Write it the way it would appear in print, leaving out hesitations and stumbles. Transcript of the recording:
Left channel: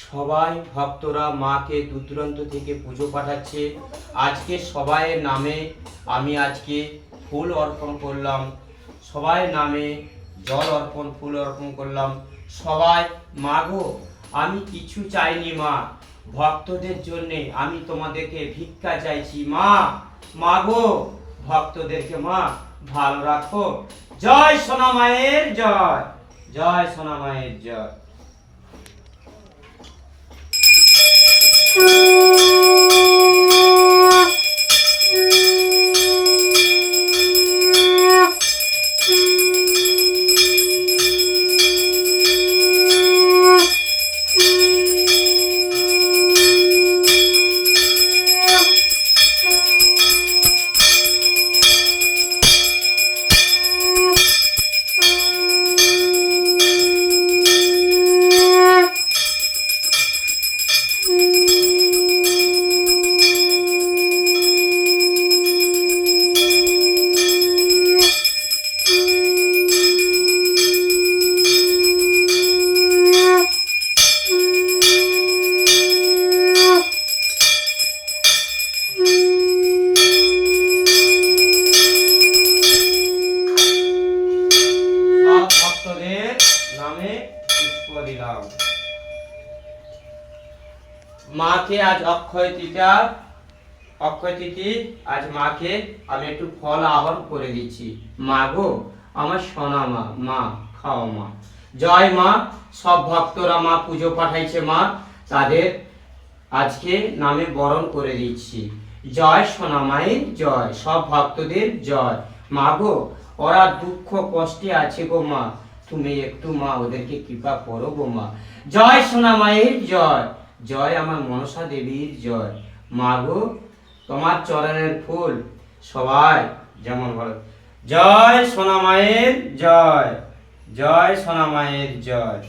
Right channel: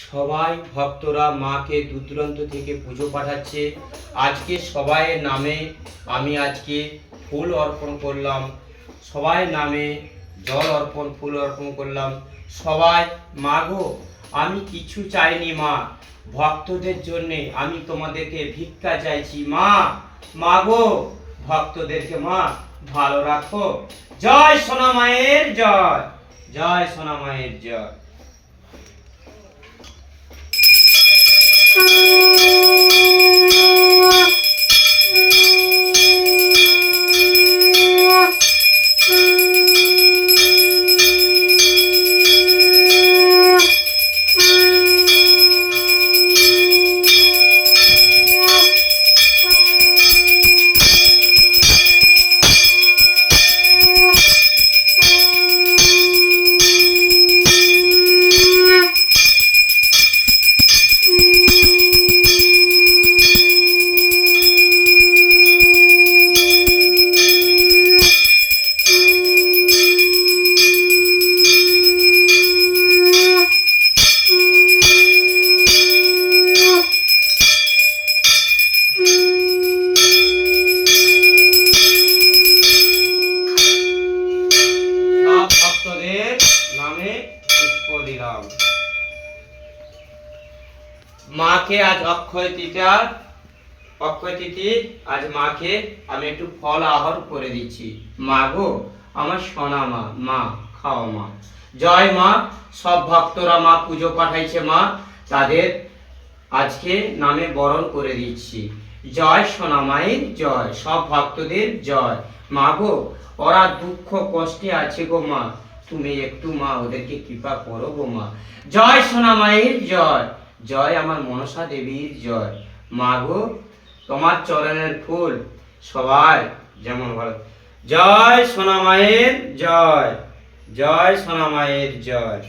সবাই ভক্তরা মাকে দূর দূরান্ত থেকে পুজো পাঠাচ্ছে। আজকে সবাইয়ের নামে আমি আজকে ফুল অর্পণ করলাম, সবাই নামে জল অর্পণ ফুল অর্পণ করলাম। সবাই মাগো, আমি কিছু চাইনি মা, ভক্তদের জন্যে আমি তোমাদেরকে ভিক্ষা চাইছি মা। মাগো, ভক্তদেরকে মা ভালো রাখো। জয় সোনা মায়ের জয়, জয় সোনা মায়ের জয়। মাকে আজ অক্ষয় তিথি, আজ মাকে আমি একটু ফল আহর করে দিচ্ছি। মা গো, আমার সোনা মা, মা খাও মা। জয় মা। সব ভক্তরা মা পুজো পাঠাইছে মা, তাদের আজকে নামে বরণ করে দিচ্ছি। জয় সোনা মায়ের জয়, সব ভক্তদের জয়। মা গো, ওরা দুঃখ কষ্টে আছে গো মা, তুমি একটু মা ওদেরকে কৃপা করো গো মা। জয় সোনা মায়ের জয়, জয় আমার মনসা দেবীর জয়। মা গো, তোমার চরণের ফুল সবাই যেমন ভালো। জয় সোনা মায়ের জয়, জয় সোনা মায়ের জয়।